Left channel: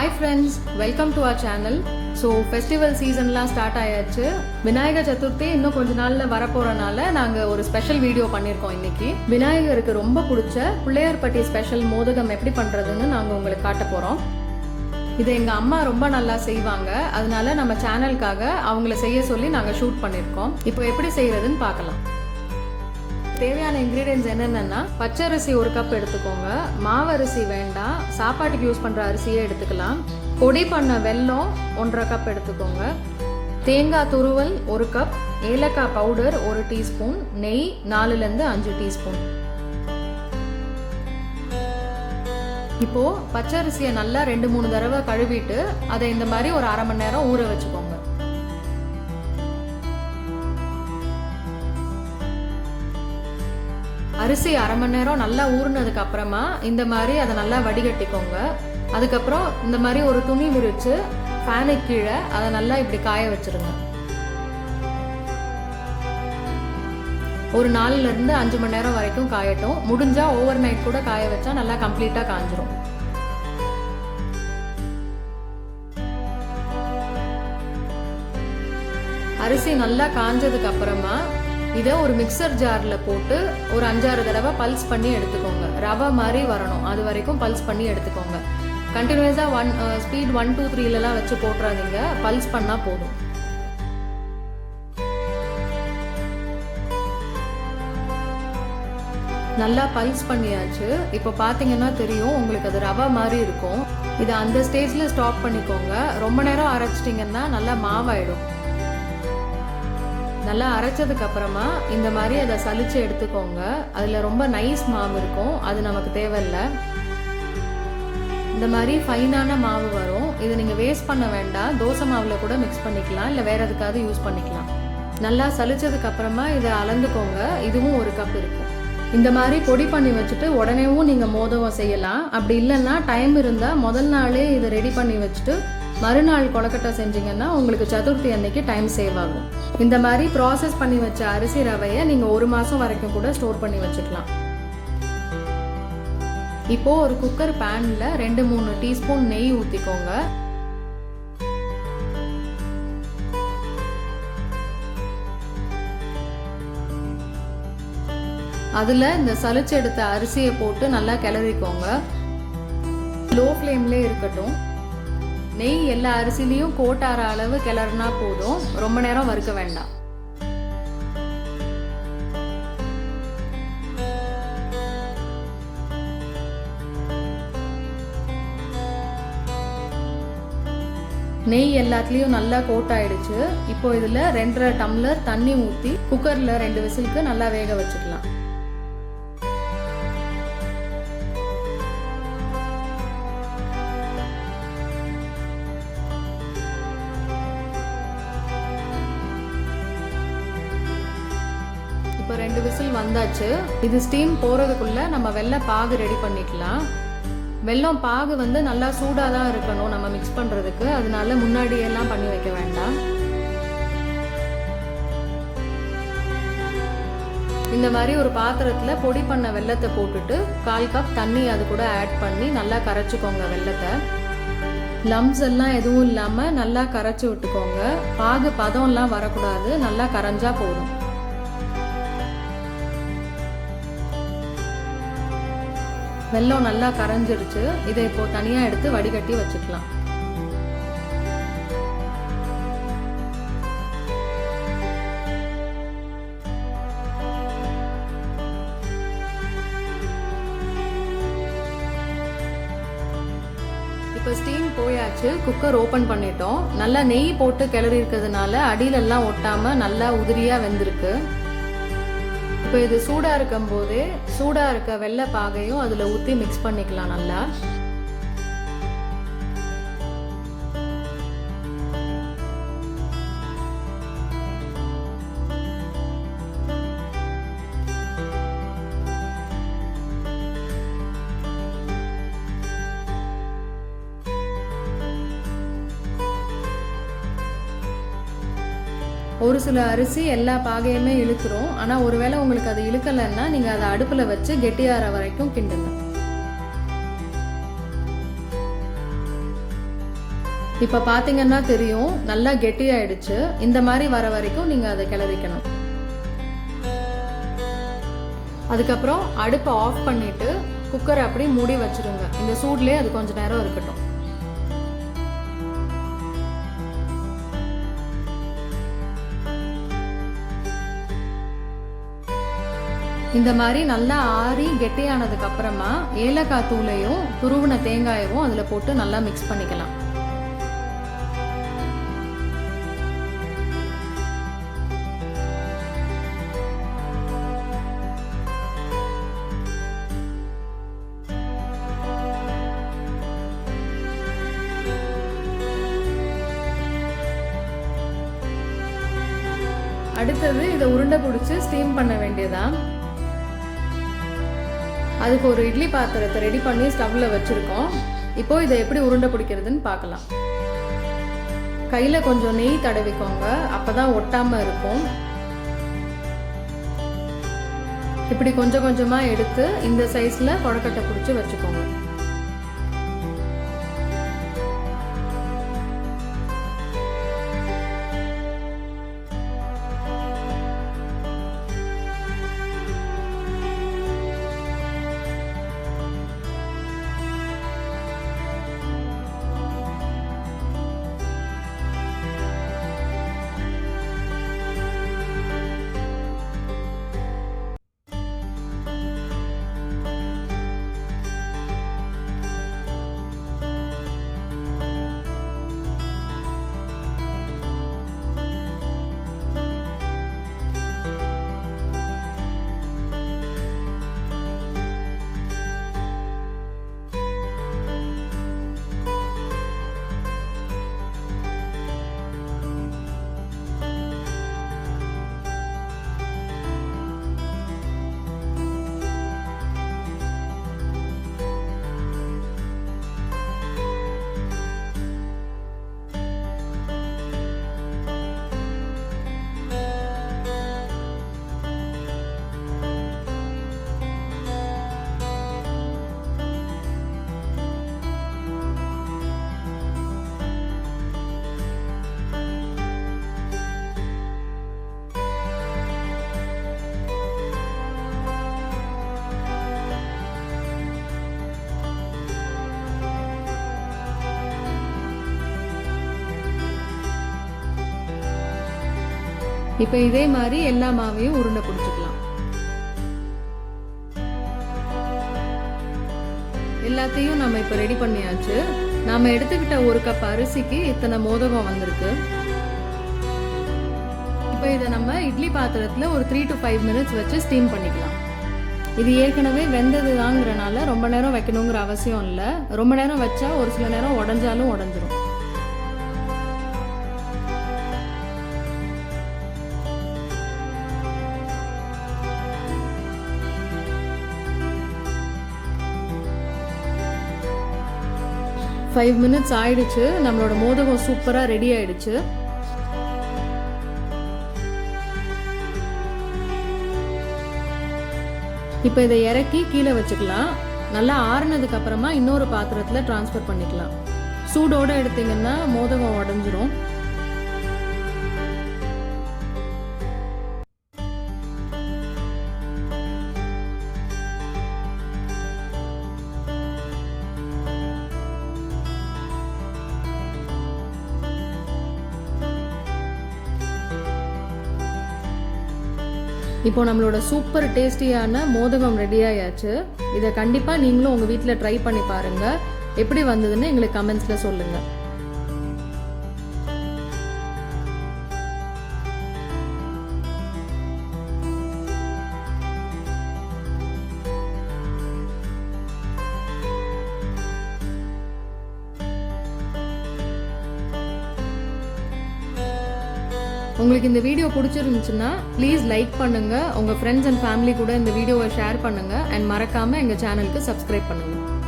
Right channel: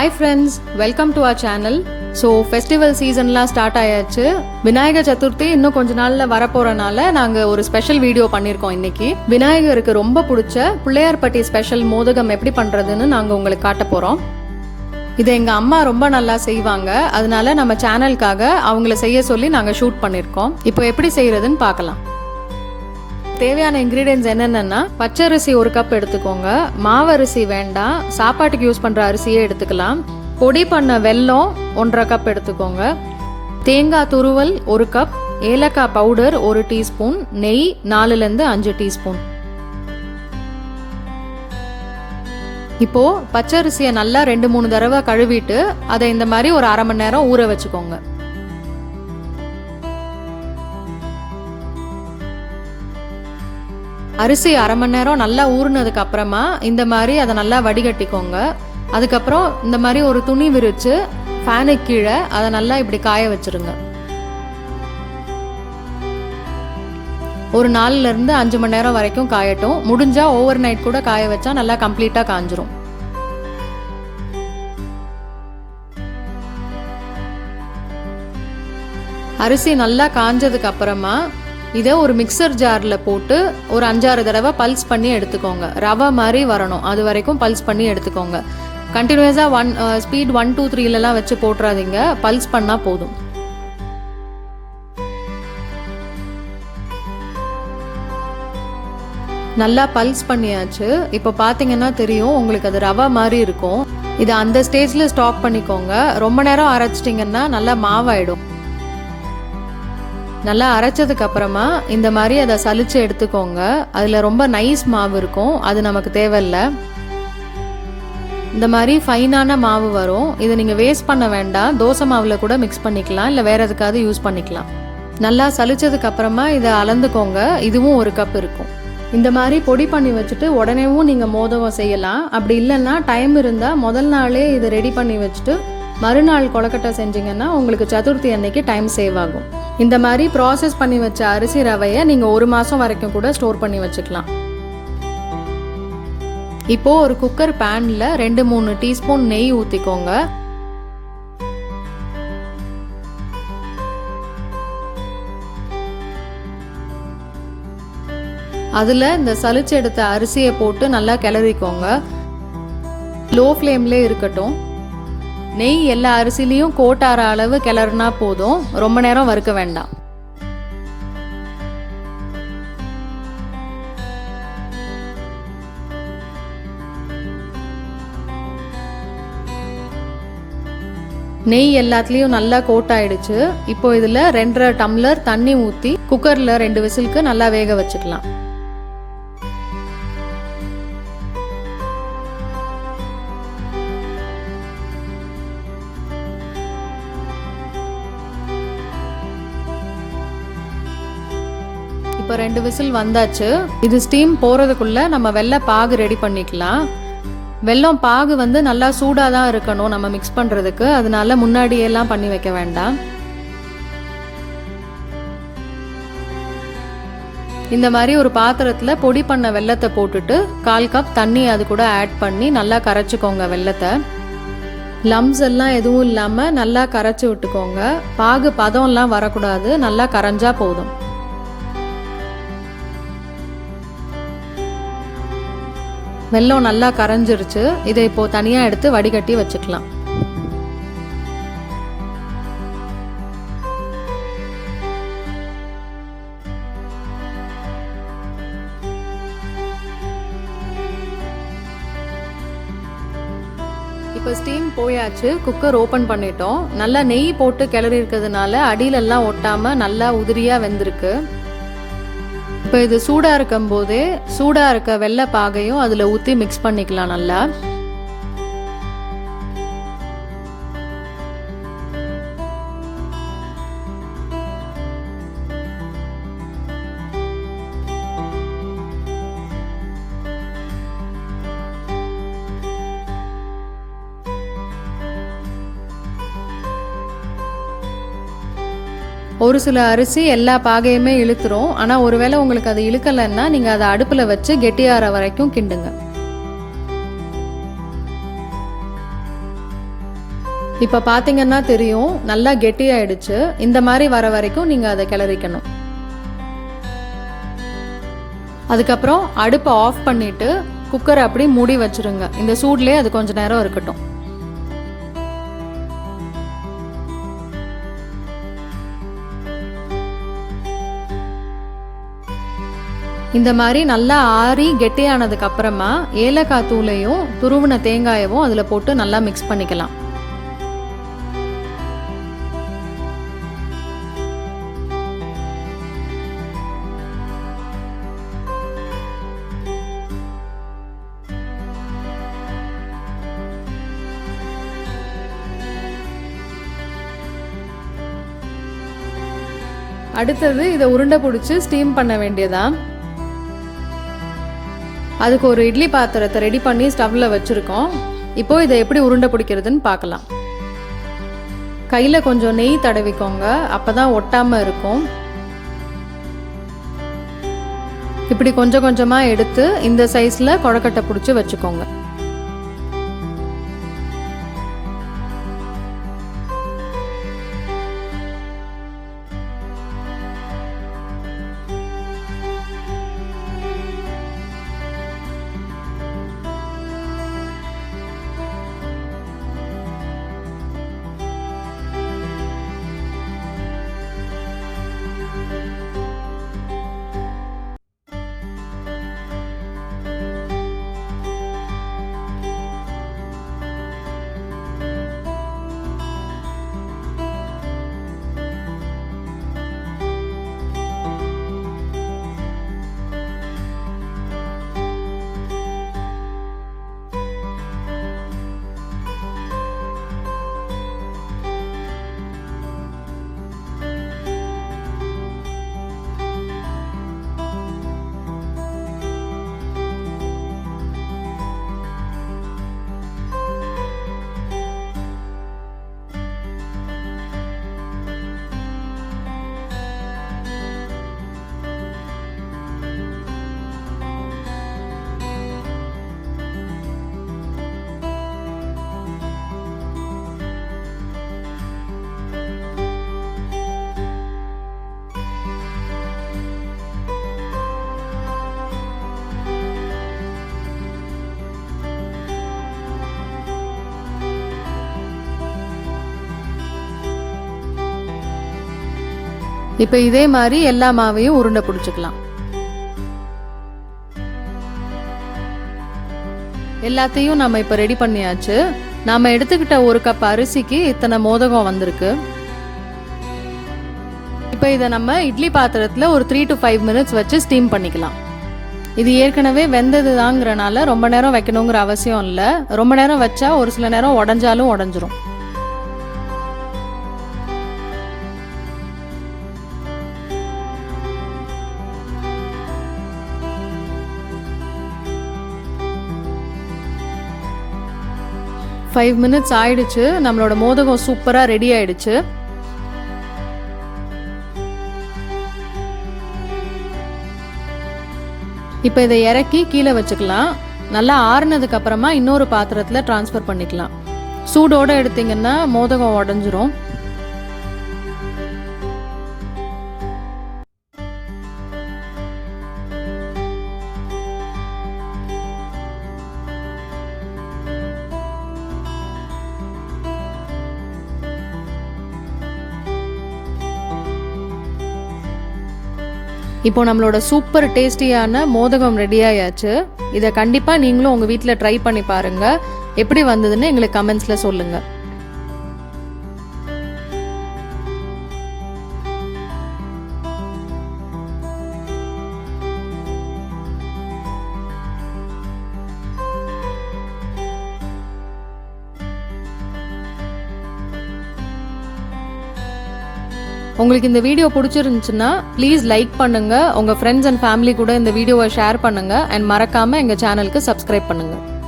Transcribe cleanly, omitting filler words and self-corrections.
Hi friends, welcome to our channel. So festival seasonலாம் start ஆயாச்சு. விநாயக சதுர்த்தி இன்னும் கொஞ்ச நாள்ல வரப்போறனால நாங்க ஒரு ஸ்பெஷல் வீடியோ பண்ணியிருக்கோம் இன்னைக்கு. விநாயகருக்கு ரொம்ப பிடிச்ச பிள்ளையார்பட்டி ஸ்பெஷல் மோதகம் எப்படி பண்றதுன்னு நாங்க உங்களுக்கு காட்ட போறோம். இதை எங்க அம்மா ரொம்ப நல்லா செய்வாங்க. அதனால நம்ம சேனலுக்காக அவங்கள செய்ய சொல்லி நாங்க ஷூட் பண்ணியிருக்கோம். இப்போ எப்படி செய்யறதுன்னு பார்க்கலாம். தேவையான இன்க்ரீடியன்ஸ் என்னென்னா பச்சரிசி 1 கப் எடுத்துக்கோங்க. மாவரிசி வேண்டாம், சாப்பாட்டுக்கு யூஸ் பண்ணுற அரிசியே எடுத்துக்கலாம். பொடி பண்ண வெல்லம் 1.5 கப் எடுத்துக்கோங்க. தேங்காய் துருவல் 1 கப், ஏலக்காய் பவுடர் 1 டீஸ்பூன், நெய் 4லேருந்து 5 டீஸ்பூன். இப்போ பச்சரிசியை நல்லா 2-3 தடவை கழுவிட்டு அதை இந்த மாதிரி ஒரு அரை மணி நேரம் ஊற வச்சுக்கோங்க. அரிசி அரை மணி நேரம் நல்லா ஊறினதுக்கு அப்புறமா இந்த மாதிரி அதை நல்லா வடிகட்டிக்கோங்க. அதுக்கப்புறம் இந்த மாதிரி ஒரு துணி விரிச்சு ஃபேனுக்கு கீழே அதை நல்லா இப்படி காய வச்சிருங்க. ஒரு 4லேருந்து 5 மணி நேரம் வரைக்கும் காயட்டும். முடிஞ்சா ஓவர் நைட் கூட காய வச்சா நல்லா கம்ப்ளீட்டா காஞ்சிரும். அரிசி நல்லா காஞ்சதுக்கு அப்புறமா இதை ஒரு மிக்சர் ஜாரில் போட்டு ஒரு 5-6 தடவை பல்ஸ் பண்ணி எடுத்துக்கோங்க. ரவை மாதிரி வரணும், அது வரைக்கும் பல்ஸ் பண்ணி எடுத்துக்கோங்க. கண்டினியூஸாக ஸ்பீட் 1 2 3லலாம் வச்சு போட்டுறாதீங்க, பல்ஸ் பண்ணால் போதும். நல்லா பல்ஸ் பண்ணியாச்சு. இப்போ பார்த்தீங்கன்னா தெரியும் உங்களுக்கு அது ரவை மாதிரி இருக்கும். இதை அந்த ஸ்டேஜில் ஸ்டாப் பண்ணிக்கோங்க. ரொம்ப நேரம் அரைச்சிட்டிங்கன்னா நல்லா மாவாயிடும். நல்லா அரைச்சதுக்கு அப்புறமா இந்த மாதிரி அதை சலிச்சு எடுத்துக்கோங்க. அதில் ரொம்ப நைஸ் மாவு இருக்கும், அது நமக்கு தேவையில்லை. இந்த மாதிரி ஃபைனான மாவு வரும். இதை நீங்கள் வேஸ்ட் பண்ண வேண்டாம், தோசை மாவில் கூட மிக்ஸ் பண்ணிக்கலாம், இல்லை வேற எதுக்காவது யூஸ் பண்ணிக்கலாம். நல்லா சலிச்சதுக்கு அப்புறமா இதை அளந்துக்கோங்க. இதுவும் 1 கப் இருக்கும். இந்த மாதிரி பொடி பண்ணி வச்சுட்டு உடனேவும் நீங்கள் மோதகம் செய்யலாம். அப்படி இல்லைன்னா டைம் இருந்தால் முதல் நாளே இதை ரெடி பண்ணி வச்சுட்டு மறுநாள் கொழுக்கட்டை செஞ்சீங்கன்னா உங்களுக்கு சதுர்த்தி அன்னைக்கு டைம் சேவ் ஆகும். இந்த மாதிரி ப்ராசஸ் பண்ணி வச்ச அரிசி ரவையை நீங்கள் 1 மாதம் வரைக்கும் கூட ஸ்டோர் பண்ணி வச்சுக்கலாம். இப்போ ஒரு குக்கர் பேனில் 2-3 டீஸ்பூன் நெய் ஊற்றிக்கோங்க. அதில் இந்த சலிச்சு எடுத்த அரிசியை போட்டு நல்லா கிளறிக்கோங்க. லோ ஃப்ளேம்லேயே இருக்கட்டும். நெய் எல்லா அரிசிலையும் கோட்டார அளவு கிளறுனா போதும், ரொம்ப நேரம் வறுக்க வேண்டாம். நெய் எல்லாத்துலேயும் நல்லா கோட் ஆயிடுச்சு. இப்போ இதில் 2.5 டம்ளர் தண்ணி ஊற்றி குக்கரில் 2 விசிலுக்கு நல்லா வேக வச்சுக்கலாம். இப்போ 2 விசில் வந்தாச்சு. இது ஸ்டீம் போகிறதுக்குள்ள நம்ம வெள்ளை பாகு ரெடி பண்ணிக்கலாம். வெல்லம் பாகு நல்லா சூடாக தான் இருக்கணும் நம்ம மிக்ஸ் பண்ணுறதுக்கு, அதனால முன்னாடியெல்லாம் பண்ணி வைக்க வேண்டாம். இந்த மாதிரி ஒரு பாத்திரத்தில் பொடி பண்ண வெல்லத்தை போட்டுட்டு 1/4 கப் தண்ணி அது கூட ஆட் பண்ணி நல்லா கரைச்சிக்கோங்க. வெல்லத்தை லம்ஸ் எல்லாம் எதுவும் இல்லாமல் நல்லா கரைச்சி விட்டுக்கோங்க. பாகு பதம்லாம் வரக்கூடாது, நல்லா கரைஞ்சா போதும். வெல்லம் நல்லா கரைஞ்சிருச்சு. இதை இப்போ தனியாக எடுத்து வடிகட்டி வச்சுக்கலாம். இப்போ ஸ்டீம் போயாச்சு. குக்கர் ஓப்பன் பண்ணிட்டோம். நல்லா நெய் போட்டு கிளறி இருக்கிறதுனால அடியிலெல்லாம் ஒட்டாமல் நல்லா உதிரியாக வெந்திருக்கு. இப்போ இது சூடாக இருக்கும் போதே சூடாக இருக்க வெள்ளை பாகையும் அதில் ஊற்றி மிக்ஸ் பண்ணிக்கலாம் நல்லா. ஒரு சில அரிசி எல்லா பாகையுமே இழுத்துரும். ஆனால் ஒருவேளை உங்களுக்கு அது இழுக்கலைன்னா நீங்கள் அதை அடுப்பில் வச்சு கெட்டியாற வரைக்கும் கிண்டுங்க. இப்போ பார்த்தீங்கன்னா தெரியும், நல்லா கெட்டியாயிடுச்சு. இந்த மாதிரி வர வரைக்கும் நீங்கள் அதை கிளறிக்கணும். அதுக்கப்புறம் அடுப்பை ஆஃப் பண்ணிவிட்டு குக்கரை அப்படி மூடி வச்சுருங்க. இந்த சூட்லேயே அது கொஞ்சம் நேரம் இருக்கட்டும். இந்த மாதிரி நல்லா ஆறி கெட்டியானதுக்கு அப்புறமா ஏலக்காய் தூளையும் துருவின தேங்காயவும் அதில் போட்டு நல்லா மிக்ஸ் பண்ணிக்கலாம். அடுத்தது இதை உருண்டை பிடிச்சி ஸ்டீம் பண்ண வேண்டியதான். அதுக்கு ஒரு இட்லி பாத்திரத்தை ரெடி பண்ணி ஸ்டவ்வில் வச்சுருக்கோம். இப்போது இதை எப்படி உருண்டை பிடிக்கிறதுன்னு பார்க்கலாம். கையில் கொஞ்சம் நெய் தடவிக்கோங்க, அப்போ தான் ஒட்டாமல் இருக்கும். இப்படி கொஞ்சம் கொஞ்சமாக எடுத்து இந்த சைஸில் கொழக்கட்டை பிடிச்சி வச்சுக்கோங்க. இப்போ இதே மாதிரி எல்லா மாவையும் உருண்டை பிடிச்சிக்கலாம். எல்லாத்தையும் நம்ம இப்போ ரெடி பண்ணியாச்சு. நாம எடுத்துக்கிட்ட 1 கப் அரிசிக்கு இத்தனை மோதகம் வந்திருக்கு. இப்போ இதை நம்ம இட்லி பாத்திரத்தில் ஒரு 3 to 5 minutes வச்சு ஸ்டீம் பண்ணிக்கலாம். இது ஏற்கனவே வெந்தது தாங்கிறனால ரொம்ப நேரம் வைக்கணுங்கிற அவசியம் இல்லை. ரொம்ப நேரம் வச்சா ஒரு சில நேரம் உடஞ்சாலும் உடஞ்சிரும். ஃபைவ் மினிட்ஸ் ஆயிடுச்சு. நம்மளோட மோதகம் சூப்பராக ரெடி ஆயிடுச்சு. இப்போ இதை இறக்கி கீழே வச்சுக்கலாம். நல்லா ஆறுனதுக்கு அப்புறமா இன்னொரு பாத்திரத்தில் ட்ரான்ஸ்ஃபர் பண்ணிக்கலாம். சூடோடு எடுத்தீங்கன்னா மோதகம் உடஞ்சிரும். இப்போ நம்மளோட சூப்பர் டேஸ்டியான மோதகம் ரெடி ஆயாச்சு. இதை கண்டிப்பாக நீங்களும் உங்கள் வீட்டில் ட்ரை பண்ணி பாருங்கள். எப்படி வந்ததுன்னு எங்களுக்கு கமெண்ட்ஸில் சொல்லுங்கள். உங்களுக்கு இந்த வீடியோ பிடிச்சிருந்துச்சுன்னா ப்ளீஸ் லைக் பண்ணுங்கள். உங்கள் ஃப்ரெண்ட்ஸ் அண்ட் ஃபேமிலி கூட இந்த வீடியோவை ஷேர் பண்ணுங்கள். அண்ட் மறக்காமல் எங்கள் சேனலுக்கு சப்ஸ்கிரைப் பண்ணுங்கள்.